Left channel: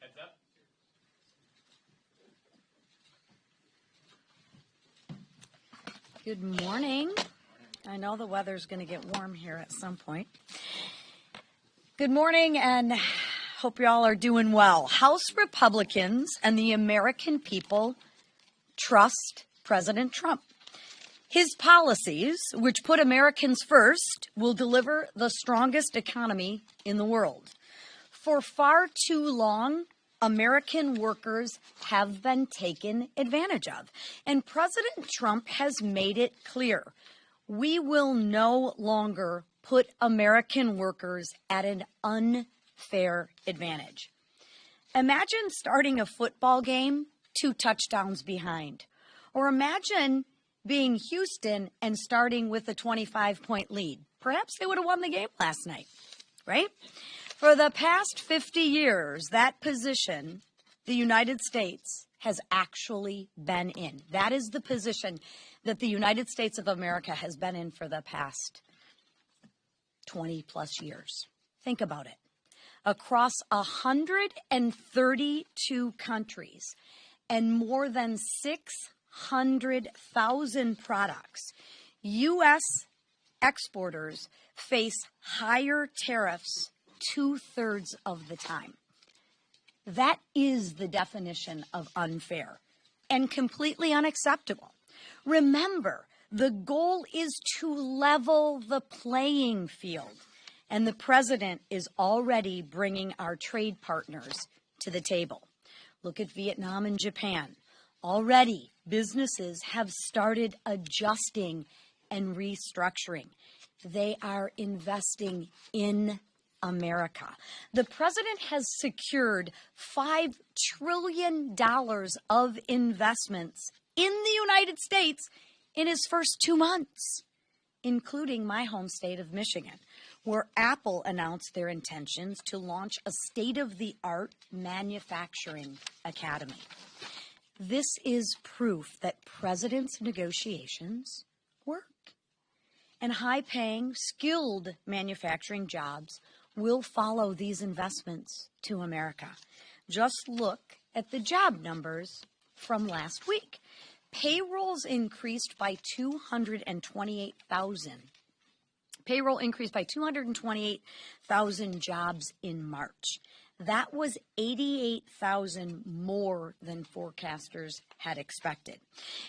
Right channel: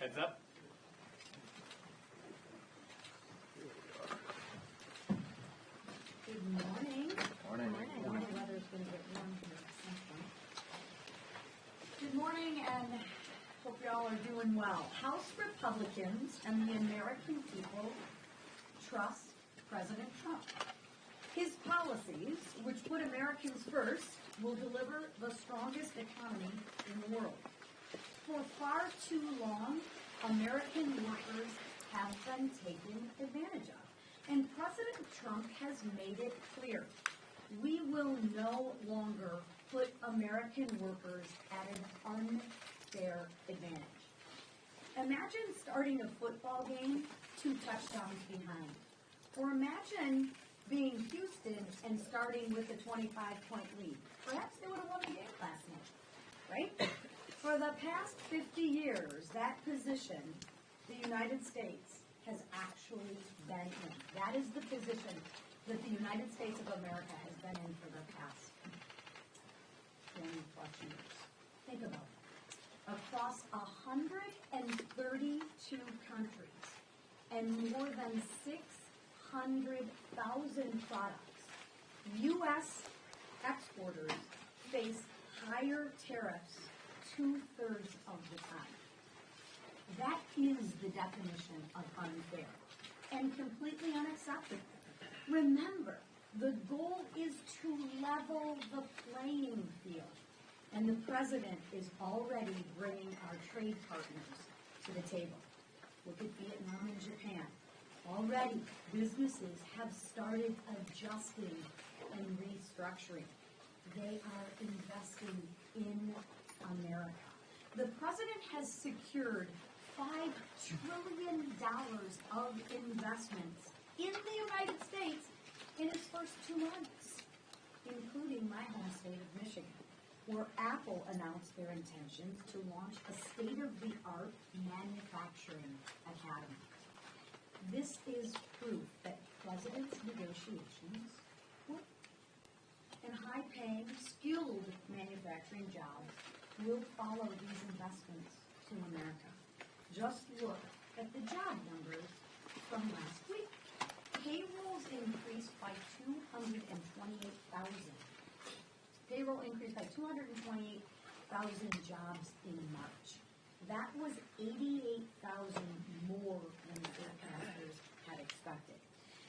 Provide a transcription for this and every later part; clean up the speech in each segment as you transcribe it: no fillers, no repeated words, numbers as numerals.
Heads up. Good morning. I know the weather's going to get warm here at some point. Good morning, and hope you all are doing well. House Republicans and the American people trust President Trump. His policies, which put Americans first, will deliver the strongest economy in the world. For far too long, American workers have been taken advantage of. And President Trump has made it clear, we will no longer put American workers at an unfair advantage. Imagine starting a football game 2 touchdowns behind. Or imagine being Houston and starting with a 25-point lead. Perhaps they would have won the game last night, right? For the past 50 years, that position the United States has actually been in. That is the position that the United States of America has been in for the past 20 plus years. Think about it. Across 132 countries and more than 600,000 products, U.S. exporters face higher tariffs 2/3 of the time. That is the definition of unfair and completely unacceptable. Remember, the goal is to level the playing field, and the president is already bringing our trade partners to the table. Look at Vietnam and Japan. Already, businesses have started adjusting and restructuring. They are investing in America. The president has secured $5 trillion of investments in the United States in his first 2 months, including my home state of Michigan, where Apple announced their intentions to launch a state-of-the-art manufacturing academy. This is proof that president's negotiations work. And high-paying, skilled manufacturing jobs will follow these investments to America. Just look at the job numbers from last week. Payrolls increased by 228,000. Payroll increased by 228,000 jobs in March. That was 88,000 more than forecasters had expected.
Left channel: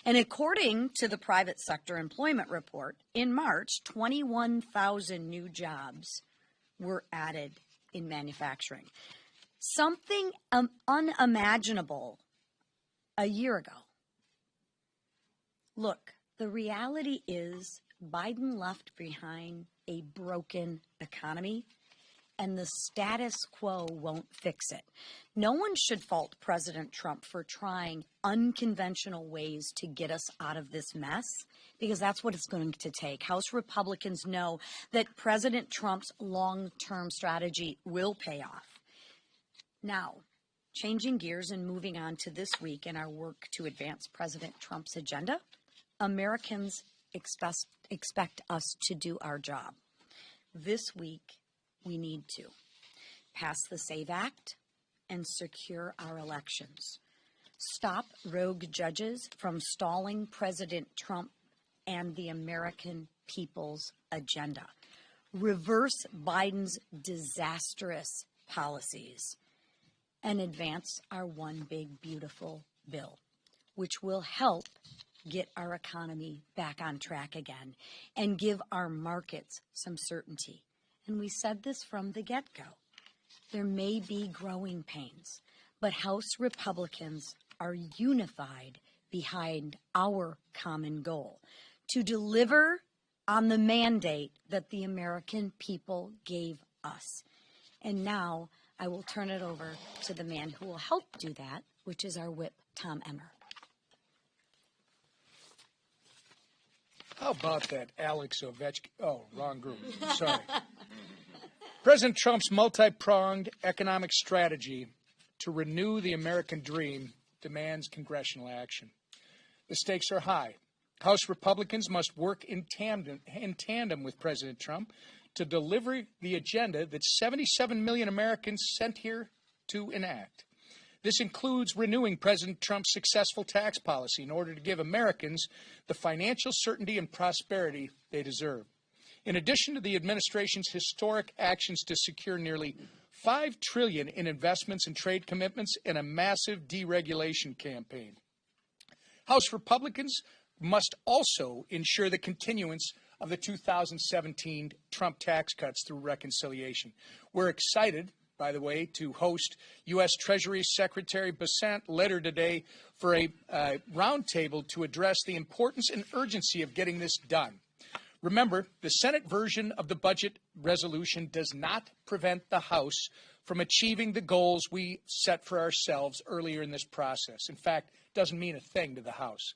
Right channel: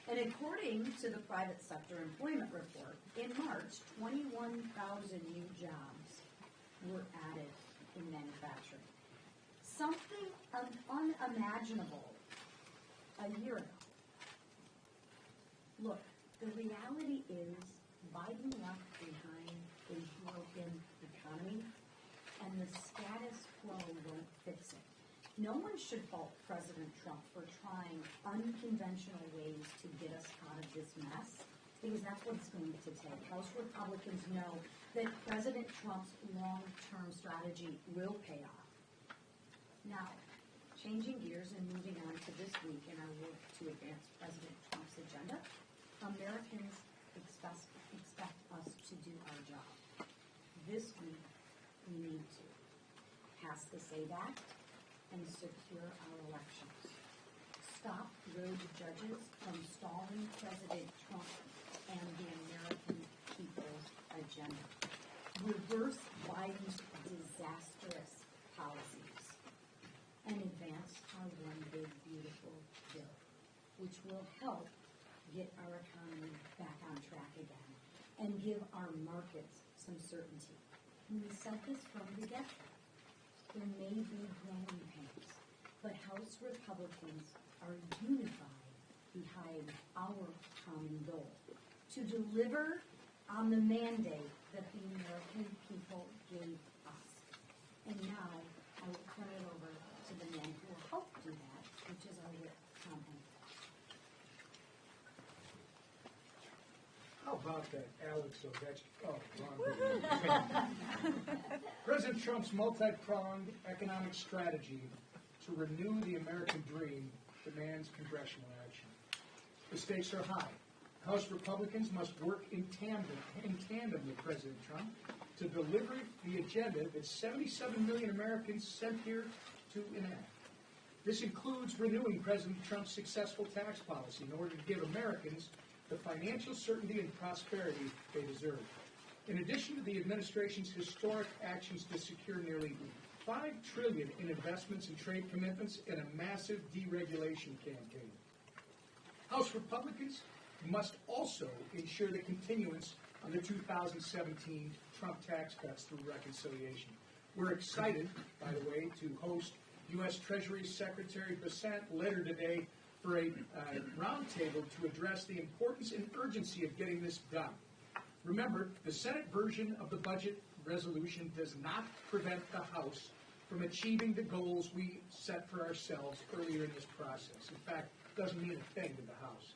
And according to the private sector employment report, in March, 21,000 new jobs were added in manufacturing. Something unimaginable a year ago. Look, the reality is Biden left behind a broken economy, and the status quo won't fix it. No one should fault President Trump for trying unconventional ways to get us out of this mess, because that's what it's going to take. House Republicans know that President Trump's long-term strategy will pay off. Now, changing gears and moving on to this week in our work to advance President Trump's agenda, Americans expect us to do our job. This week, we need to pass the SAVE Act and secure our elections. Stop rogue judges from stalling President Trump and the American people's agenda. Reverse Biden's disastrous policies and advance our one big beautiful bill, which will help get our economy back on track again and give our markets some certainty. And we said this from the get-go. There may be growing pains, but House Republicans are unified behind our common goal to deliver on the mandate that the American people gave us. And now I will turn it over to the man who will help do that, which is our whip, Tom Emmer. How about that, Alex Ovechkin? Oh, wrong group. Sorry. President Trump's multi-pronged economic strategy to renew the American dream demands congressional action. The stakes are high. House Republicans must work in tandem with President Trump to deliver the agenda that 77 million Americans sent here to enact. This includes renewing President Trump's successful tax policy in order to give Americans the financial certainty and prosperity they deserve. In addition to the administration's historic actions to secure nearly $5 trillion in investments and trade commitments and a massive deregulation campaign, House Republicans must also ensure the continuance of the 2017 Trump tax cuts through reconciliation. We're excited, by the way, to host U.S. Treasury Secretary Bessent later today for a roundtable to address the importance and urgency of getting this done. Remember, the Senate version of the budget resolution does not prevent the House from achieving the goals we set for ourselves earlier in this process. In fact, it doesn't mean a thing to the House.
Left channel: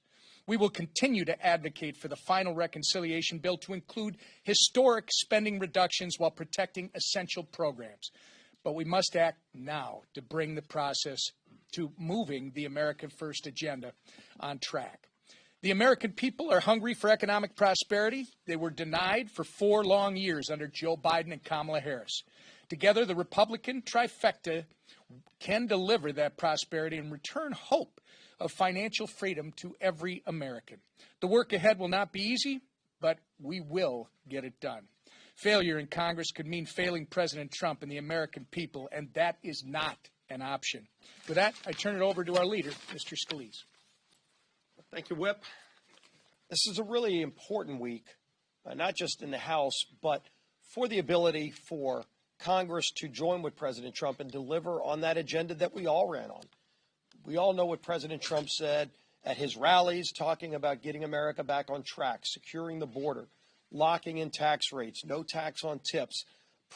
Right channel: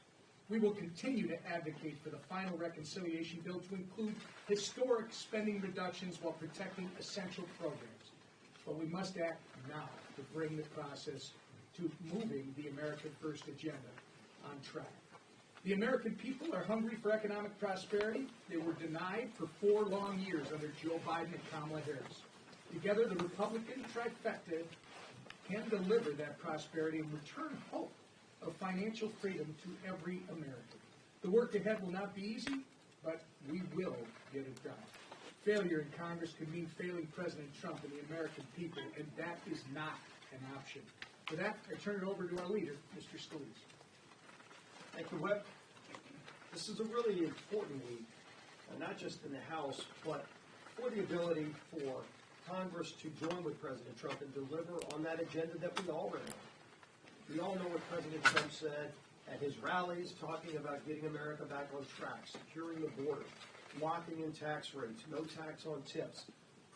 We will continue to advocate for the final reconciliation bill to include historic spending reductions while protecting essential programs. But we must act now to bring the process to moving the America First agenda on track. The American people are hungry for economic prosperity. They were denied for 4 long years under Joe Biden and Kamala Harris. Together, the Republican trifecta can deliver that prosperity and return hope of financial freedom to every American. The work ahead will not be easy, but we will get it done. Failure in Congress could mean failing President Trump and the American people, and that is not an option. With that, I turn it over to our leader, Mr. Scalise. Thank you, Whip. This is a really important week, not just in the House, but for the ability for Congress to join with President Trump and deliver on that agenda that we all ran on. We all know what President Trump said at his rallies, talking about getting America back on track, securing the border, locking in tax rates, no tax on tips,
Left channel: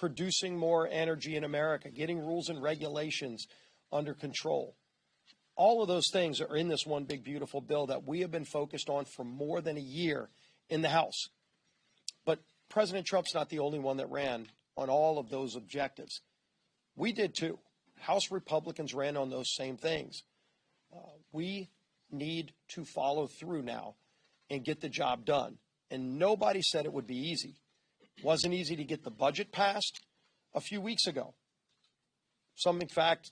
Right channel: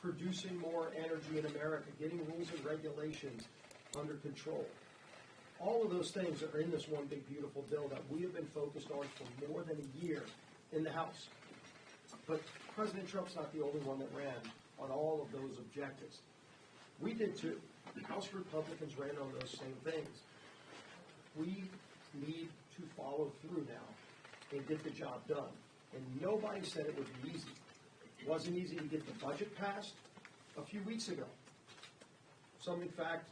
producing more energy in America, getting rules and regulations under control. All of those things are in this one big, beautiful bill that we have been focused on for more than a year in the House. But President Trump's not the only one that ran on all of those objectives. We did too. House Republicans ran on those same things. We need to follow through now and get the job done. And nobody said it would be easy. It wasn't easy to get the budget passed a few weeks ago. Some, in fact,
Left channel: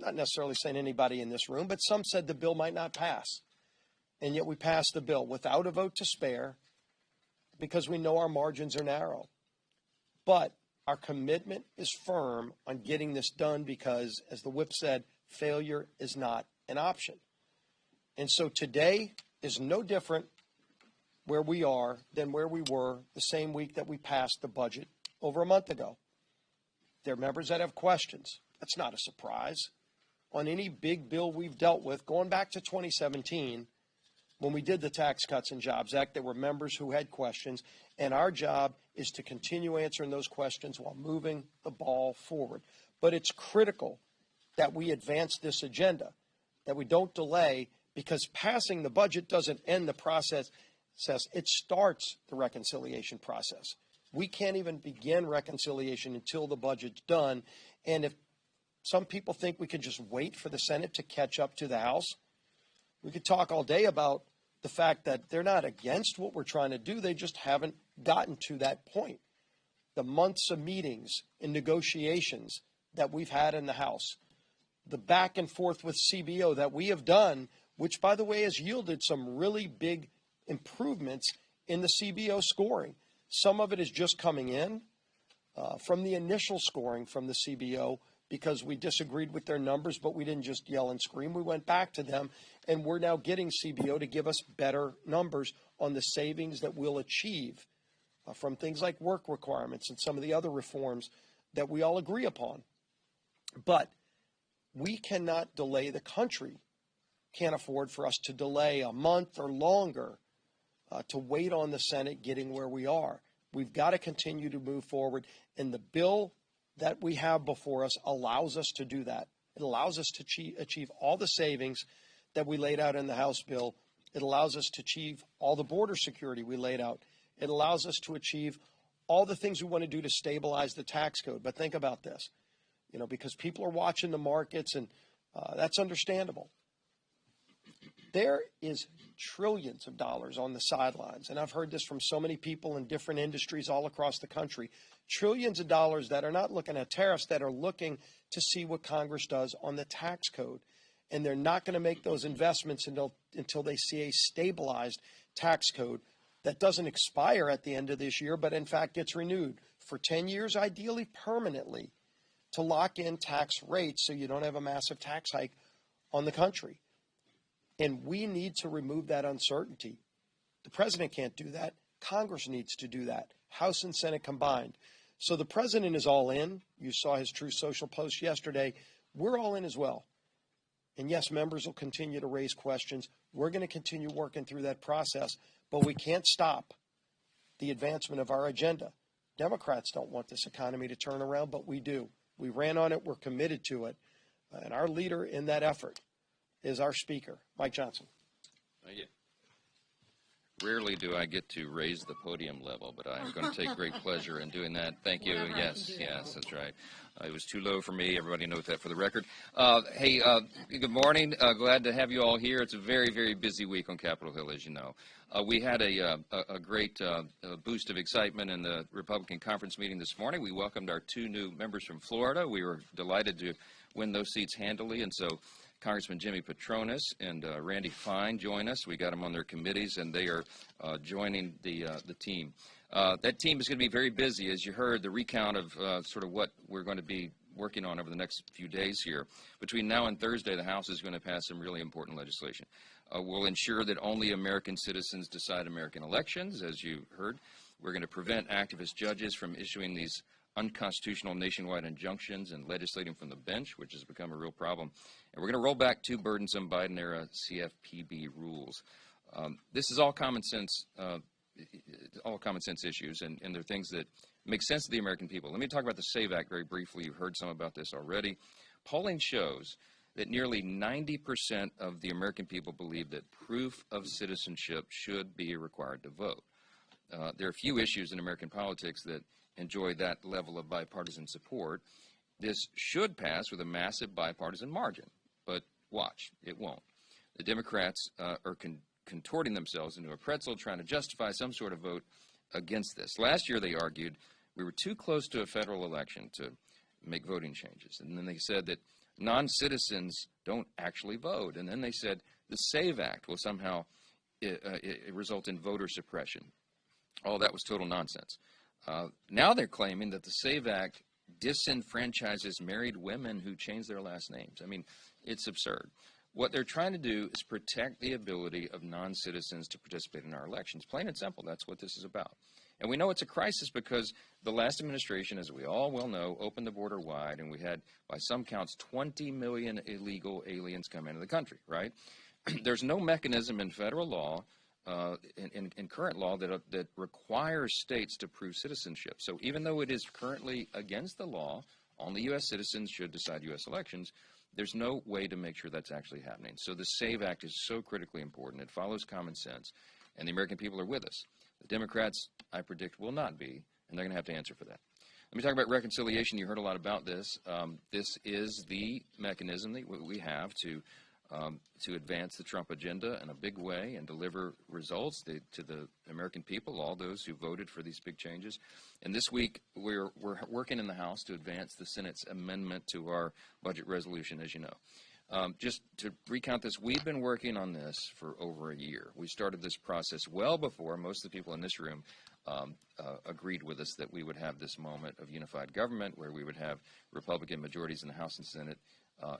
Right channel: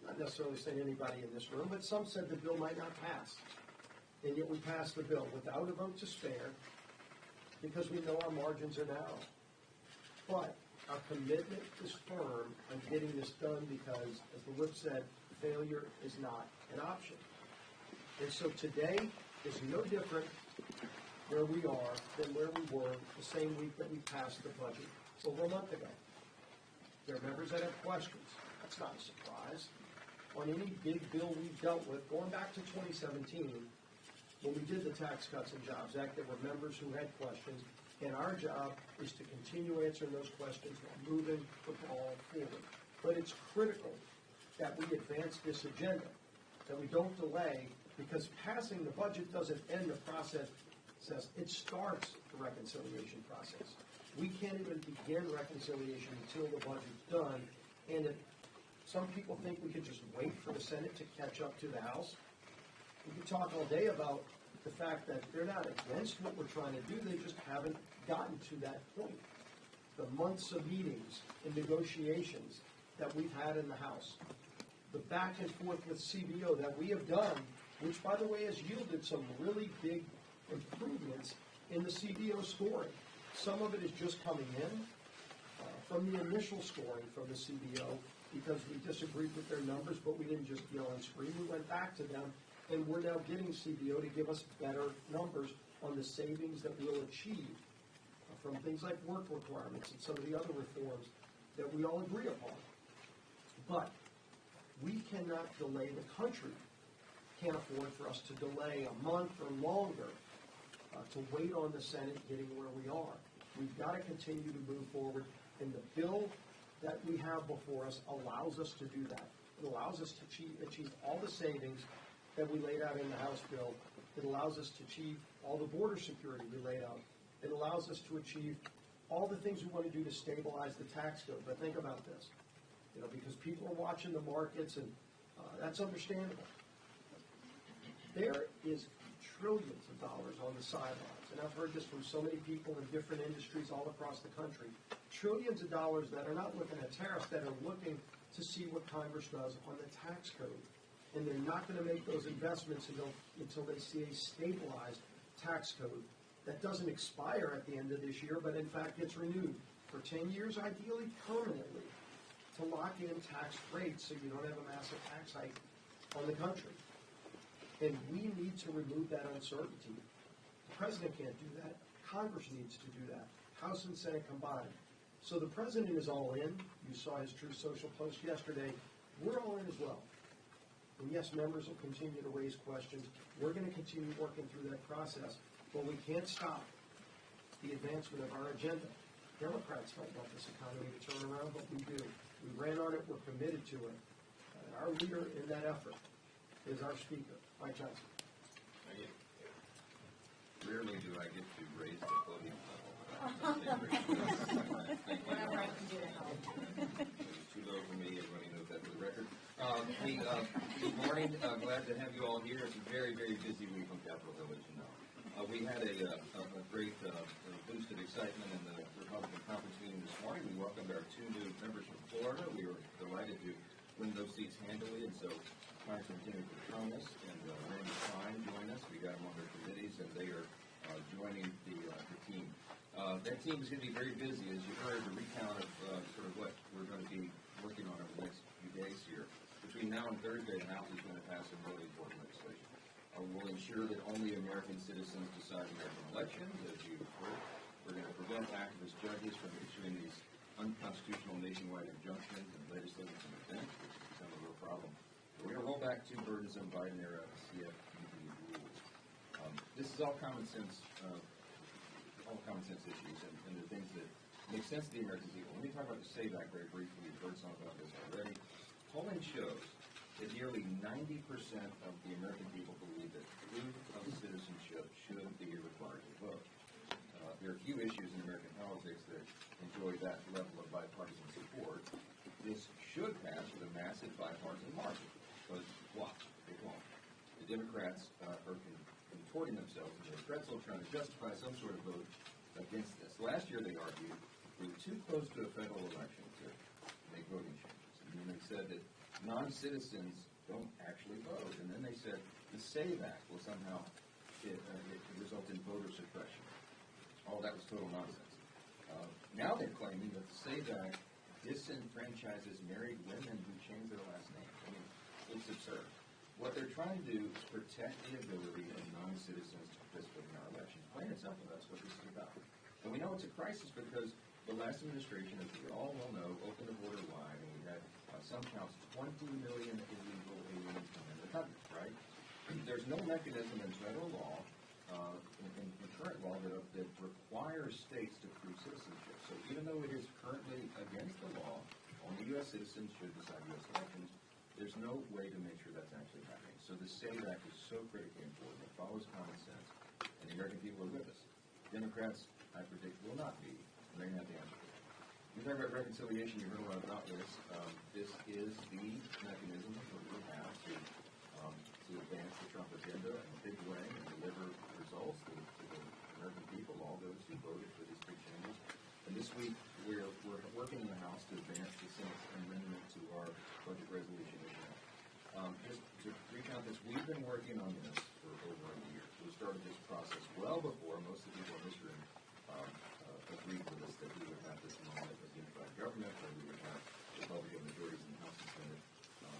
not necessarily saying anybody in this room, but some said the bill might not pass. And yet we passed the bill without a vote to spare because we know our margins are narrow. But our commitment is firm on getting this done because, as the whip said, failure is not an option. And so today is no different where we are than where we were the same week that we passed the budget over a month ago. There are members that have questions. That's not a surprise. On any big bill we've dealt with, going back to 2017, when we did the Tax Cuts and Jobs Act, there were members who had questions, and our job is to continue answering those questions while moving the ball forward. But it's critical that we advance this agenda, that we don't delay, because passing the budget doesn't end the process. It starts the reconciliation process. We can't even begin reconciliation until the budget's done. And if some people think we could just wait for the Senate to catch up to the House, we could talk all day about the fact that they're not against what we're trying to do. They just haven't gotten to that point. The months of meetings and negotiations that we've had in the House, the back and forth with CBO that we have done, which, by the way, has yielded some really big improvements in the CBO scoring. Some of it is just coming in from the initial scoring from the CBO because we disagreed with their numbers, but we didn't just yell and scream. We went back to them, and we're now getting CBO to give us better numbers on the savings that we'll achieve from things like work requirements and some of the other reforms that we all agree upon. But we cannot delay the country. Can't afford for us to delay a month or longer to wait on the Senate getting where we are. We've got to continue to move forward, and the bill that we have before us allows us to do that. It allows us to achieve all the savings that we laid out in the House bill. It allows us to achieve all the border security we laid out. It allows us to achieve all the things we want to do to stabilize the tax code. But think about this, because people are watching the markets, and that's understandable. There is trillions of dollars on the sidelines, and I've heard this from so many people in different industries all across the country. Trillions of dollars that are not looking at tariffs, that are looking to see what Congress does on the tax code. And they're not going to make those investments until they see a stabilized tax code that doesn't expire at the end of this year, but in fact gets renewed for 10 years, ideally permanently, to lock in tax rates so you don't have a massive tax hike on the country. And we need to remove that uncertainty. The president can't do that. Congress needs to do that, House and Senate combined. So the president is all in. You saw his Truth Social post yesterday. We're all in as well. And yes, members will continue to raise questions. We're going to continue working through that process, but we can't stop the advancement of our agenda. Democrats don't want this economy to turn around, but we do. We ran on it. We're committed to it. And our leader in that effort is our Speaker, Mike Johnson. Thank you. Rarely do I get to raise the podium level, but I'm going to take great pleasure in doing that. Thank you. Yes, that's right. It was too low for me. Everybody knows that for the record. Hey, good morning. Glad to have you all here. It's a very, very busy week on Capitol Hill, as you know. We had a great boost of excitement in the Republican conference meeting this morning. We welcomed our 2 new members from Florida. We were delighted to win those seats handily, and so Congressman Jimmy Petronis and Randy Klein join us. We got them on their committees, and they are joining the team. That team is going to be very busy, as you heard, the recount of sort of what we're going to be working on over the next few days here. Between now and Thursday, the House is going to pass some really important legislation. We'll ensure that only American citizens decide American elections, as you heard. We're going to prevent activist judges from issuing these unconstitutional nationwide injunctions and legislating from the bench, which has become a real problem. And we're going to roll back 2 burdensome Biden-era CFPB rules. This is all common sense issues, and they're things that make sense to the American people. Let me talk about the SAVE Act very briefly. You've heard some about this already. Polling shows that nearly 90% of the American people believe that proof of citizenship should be required to vote. There are few issues in American politics that enjoy that level of bipartisan support. This should pass with a massive bipartisan margin, but watch, it won't. The Democrats are contorting themselves into a pretzel trying to justify some sort of vote against this. Last year they argued we were too close to a federal election to make voting changes, and then they said that non-citizens don't actually vote, and then they said the SAVE Act will somehow result in voter suppression. All that was total nonsense. Now they're claiming that the SAVE Act disenfranchises married women who change their last names. I mean, it's absurd. What they're trying to do is protect the ability of non-citizens to participate in our elections. Plain and simple, that's what this is about. And we know it's a crisis because the last administration, as we all well know, opened the border wide, and we had, by some counts, 20 million illegal aliens come into the country, right? There's no mechanism in federal law, in current law, that requires states to prove citizenship. So even though it is currently against the law, only U.S. citizens should decide U.S. elections, there's no way to make sure that's actually happening. So the SAVE Act is so critically important. It follows common sense, and the American people are with us. The Democrats, I predict, will not be, and they're going to have to answer for that. Let me talk about reconciliation. You heard a lot about this. This is the mechanism that we have to advance the Trump agenda in a big way and deliver results to the American people, all those who voted for these big changes. And this week, we're working in the House to advance the Senate's amendment to our budget resolution, as you know. Just to recount this, we've been working on this for over a year. We started this process well before most of the people in this room agreed with us that we would have this moment of unified government where we would have Republican majorities in the House and Senate,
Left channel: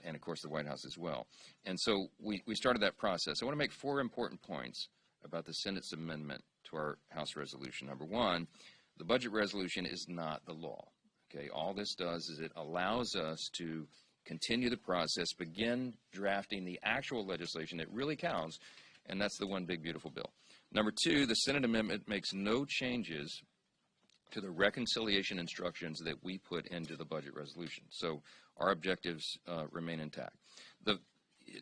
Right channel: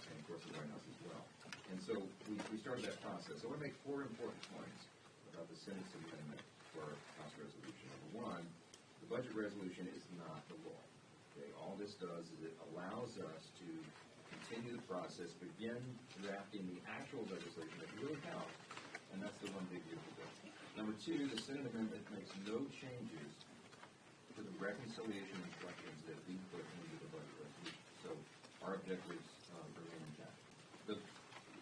and of course the White House as well. And so we started that process. I want to make 4 important points about the Senate's amendment to our House resolution. Number 1, the budget resolution is not the law. Okay, all this does is it allows us to continue the process, begin drafting the actual legislation that really counts, and that's the one big beautiful bill. Number 2, the Senate amendment makes no changes to the reconciliation instructions that we put into the budget resolution. So our objectives remain intact.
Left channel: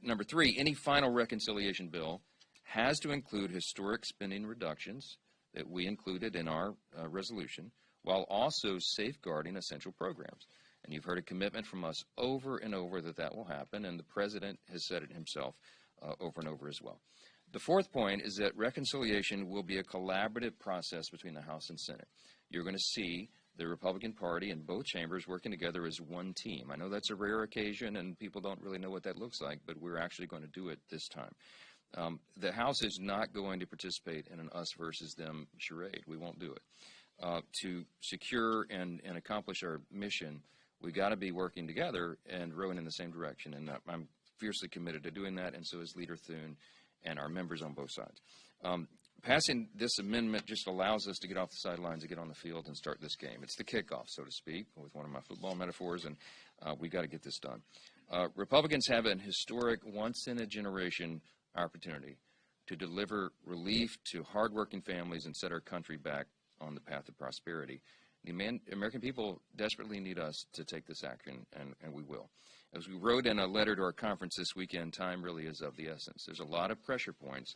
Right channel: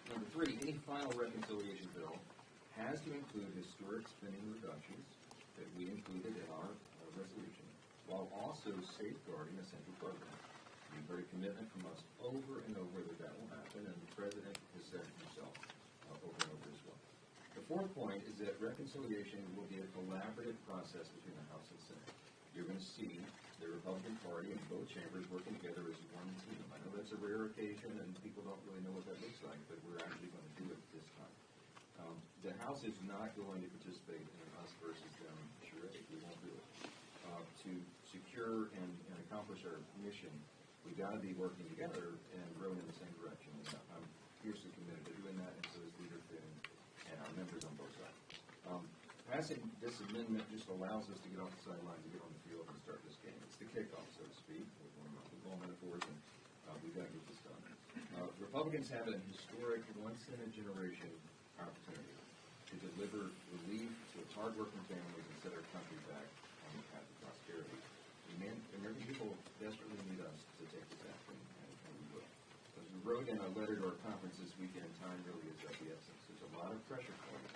Number 3, any final reconciliation bill has to include historic spending reductions that we included in our resolution, while also safeguarding essential programs. And you've heard a commitment from us over and over that will happen, and the President has said it himself over and over as well. The 4th point is that reconciliation will be a collaborative process between the House and Senate. You're going to see the Republican Party and both chambers working together as one team. I know that's a rare occasion, and people don't really know what that looks like, but we're actually going to do it this time. The House is not going to participate in an us versus them charade. We won't do it. To secure and accomplish our mission, we got to be working together and rowing in the same direction, and I'm fiercely committed to doing that, and so is Leader Thune and our members on both sides. Passing this amendment just allows us to get off the sidelines and get on the field and start this game. It's the kickoff, so to speak, with one of my football metaphors, and we got to get this done. Republicans have an historic, once-in-a-generation opportunity to deliver relief to hardworking families and set our country back on the path of prosperity. The American people desperately need us to take this action, and we will. As we wrote in a letter to our conference this weekend, time really is of the essence. There's a lot of pressure points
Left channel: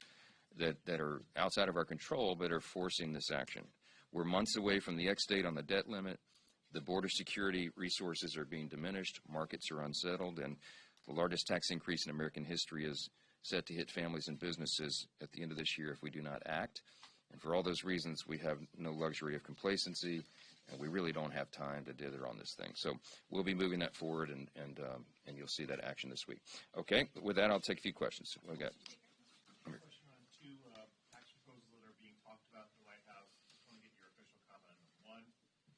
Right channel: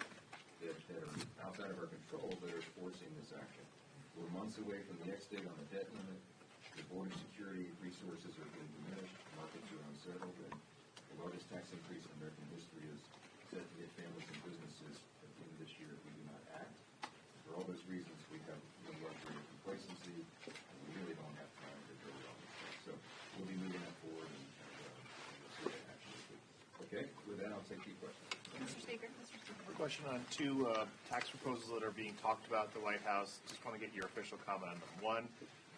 that are outside of our control but are forcing this action. We're months away from the X-date on the debt limit. The border security resources are being diminished. Markets are unsettled, and the largest tax increase in American history is set to hit families and businesses at the end of this year if we do not act. And for all those reasons, we have no luxury of complacency, and we really don't have time to dither on this thing. So we'll be moving that forward, and you'll see that action this week. Okay, with that, I'll take a few questions. Okay. A question on two tax proposals that are being talked about at the White House. Just want to get your official comment on them. One,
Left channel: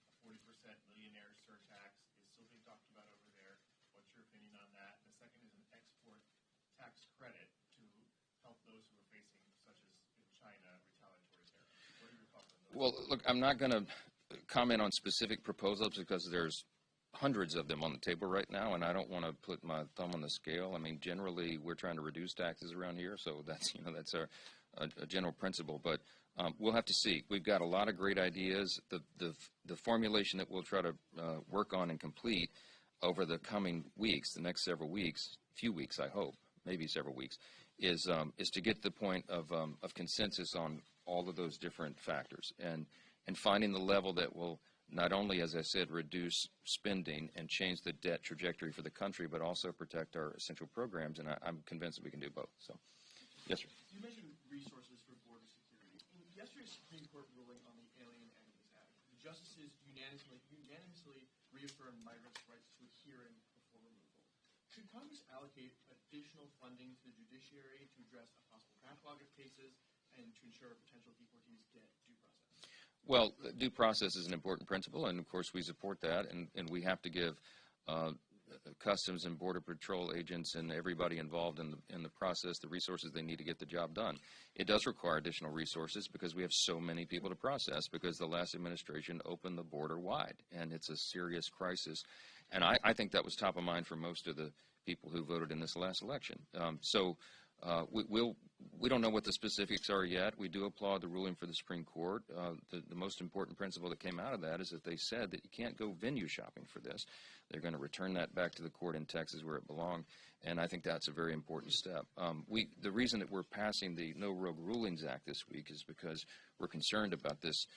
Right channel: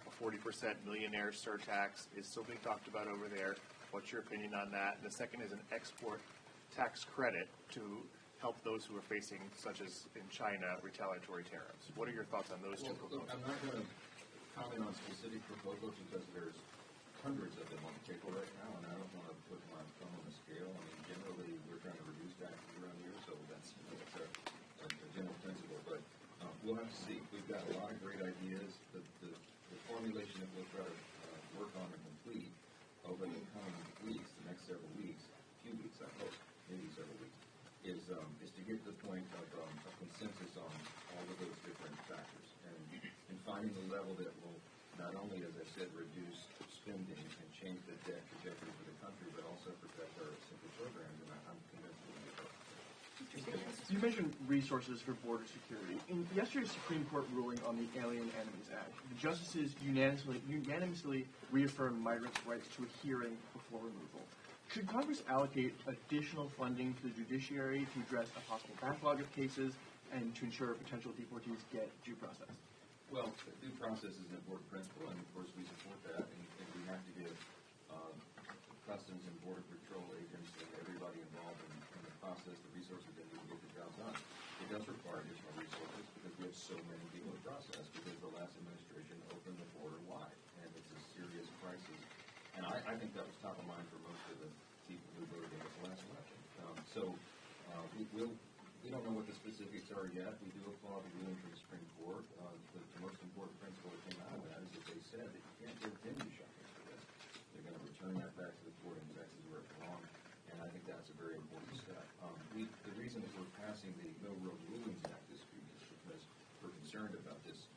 a 40% millionaire surtax is still being talked about over there. What's your opinion on that? And the second is an export tax credit to help those who are facing, such as in China, retaliatory tariffs. What are your thoughts on those? Well, look, I'm not going to comment on specific proposals because there's hundreds of them on the table right now, and I don't want to put my thumb on the scale. I mean, generally, we're trying to reduce taxes around here, so that's a general principle. But we'll have to see. We've got a lot of great ideas. The formulation that we'll try to work on and complete over the coming weeks, the next several weeks, few weeks, I hope, maybe several weeks, is to get to the point of consensus on all of those different factors and finding the level that will not only, as I said, reduce spending and change the debt trajectory for the country, but also protect our essential programs, and I'm convinced we can do both. So, yes, sir. You mentioned resources for border security. In yesterday's Supreme Court ruling on the Alien Enemies Act, the justices unanimously reaffirmed migrants' rights to a hearing before removal. Should Congress allocate additional funding to the judiciary to address a possible backlog of cases and to ensure potential deportees get due process? Well, due process is an important principle, and of course we support that, and we have to give Customs and Border Patrol agents and everybody involved in the process the resources they need to get the job done. It does require additional resources because we have so many people to process because the last administration opened the border wide, and it's a serious crisis. And I think that was top of mind for most of the people who voted in this last election. We don't know what the specifics are yet. We do applaud the ruling for the Supreme Court. The most important principle that came out of that is that they said that you can't go venue shopping for this. They're going to return that back to the court in Texas where it belonged, and I think that's a very important step. The reason that we're passing the No Road Rulings Act this week is because we're concerned about this,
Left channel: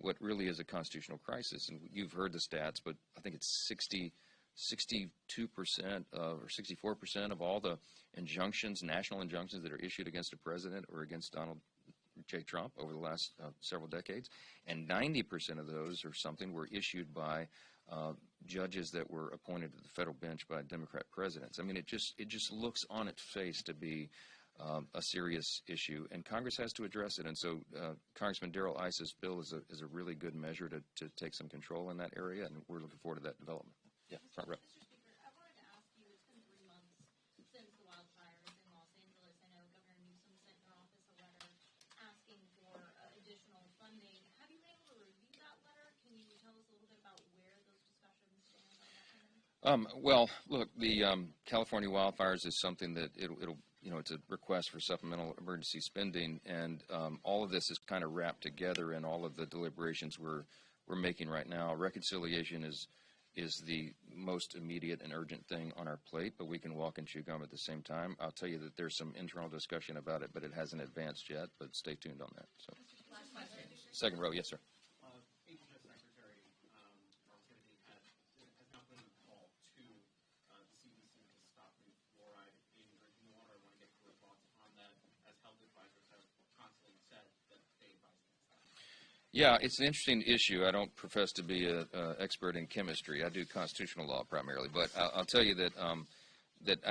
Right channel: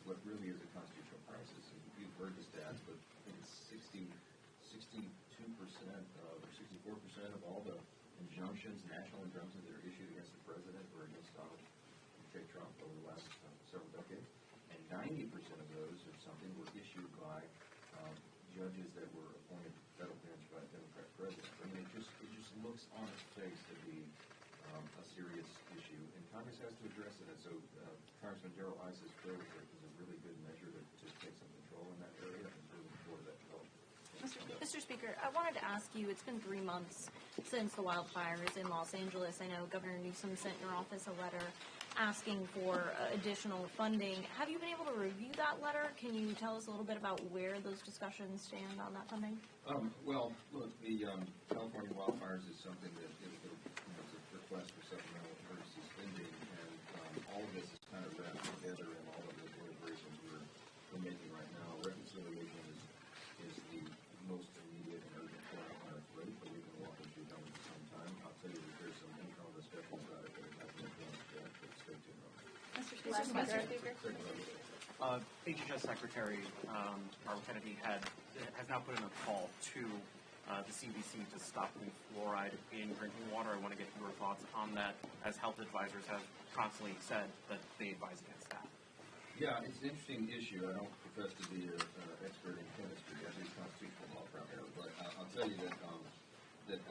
what really is a constitutional crisis. And you've heard the stats, but I think it's 62% or 64% of all the injunctions, national injunctions that are issued against a president or against Donald J. Trump over the last several decades, and 90% of those or something were issued by judges that were appointed to the federal bench by Democrat presidents. I mean, it just looks on its face to be a serious issue, and Congress has to address it. And so Congressman Darrell Iss's bill is a really good measure to take some control in that area, and we're looking forward to that development. Mr. Speaker, I wanted to ask you, it's been 3 months since the wildfires in Los Angeles. I know Governor Newsom sent your office a letter asking for additional funding. Have you been able to review that letter? Can you tell us a little bit about where those discussions stand on that funding? Well, look, the California wildfires is something that it's a request for supplemental emergency spending, and all of this is kind of wrapped together in all of the deliberations we're making right now. Reconciliation is the most immediate and urgent thing on our plate, but we can walk and chew gum at the same time. I'll tell you that there's some internal discussion about it, but it hasn't advanced yet, but stay tuned on that. So. Second row, yes, sir. HHS Secretary Barbara Kennedy has now put in a call to the CDC to stop the fluoride in drinking water. I want to get your thoughts on that, as health advisors have constantly said that they advise against that. Yeah, it's an interesting issue. I don't profess to be an expert in chemistry. I do constitutional law primarily, but I'll tell you that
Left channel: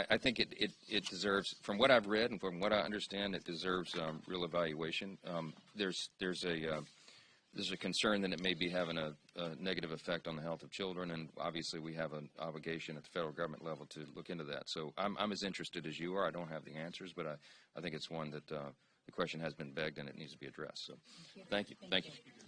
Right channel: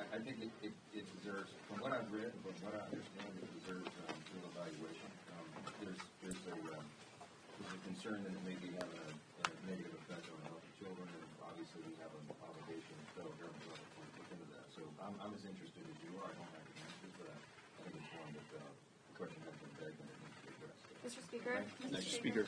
I think it deserves, from what I've read and from what I understand, it deserves real evaluation. There's a concern that it may be having a negative effect on the health of children, and obviously we have an obligation at the federal government level to look into that. So I'm as interested as you are. I don't have the answers, but I think it's one that the question has been begged and it needs to be addressed. So Mr. Speaker? thank you, Speaker.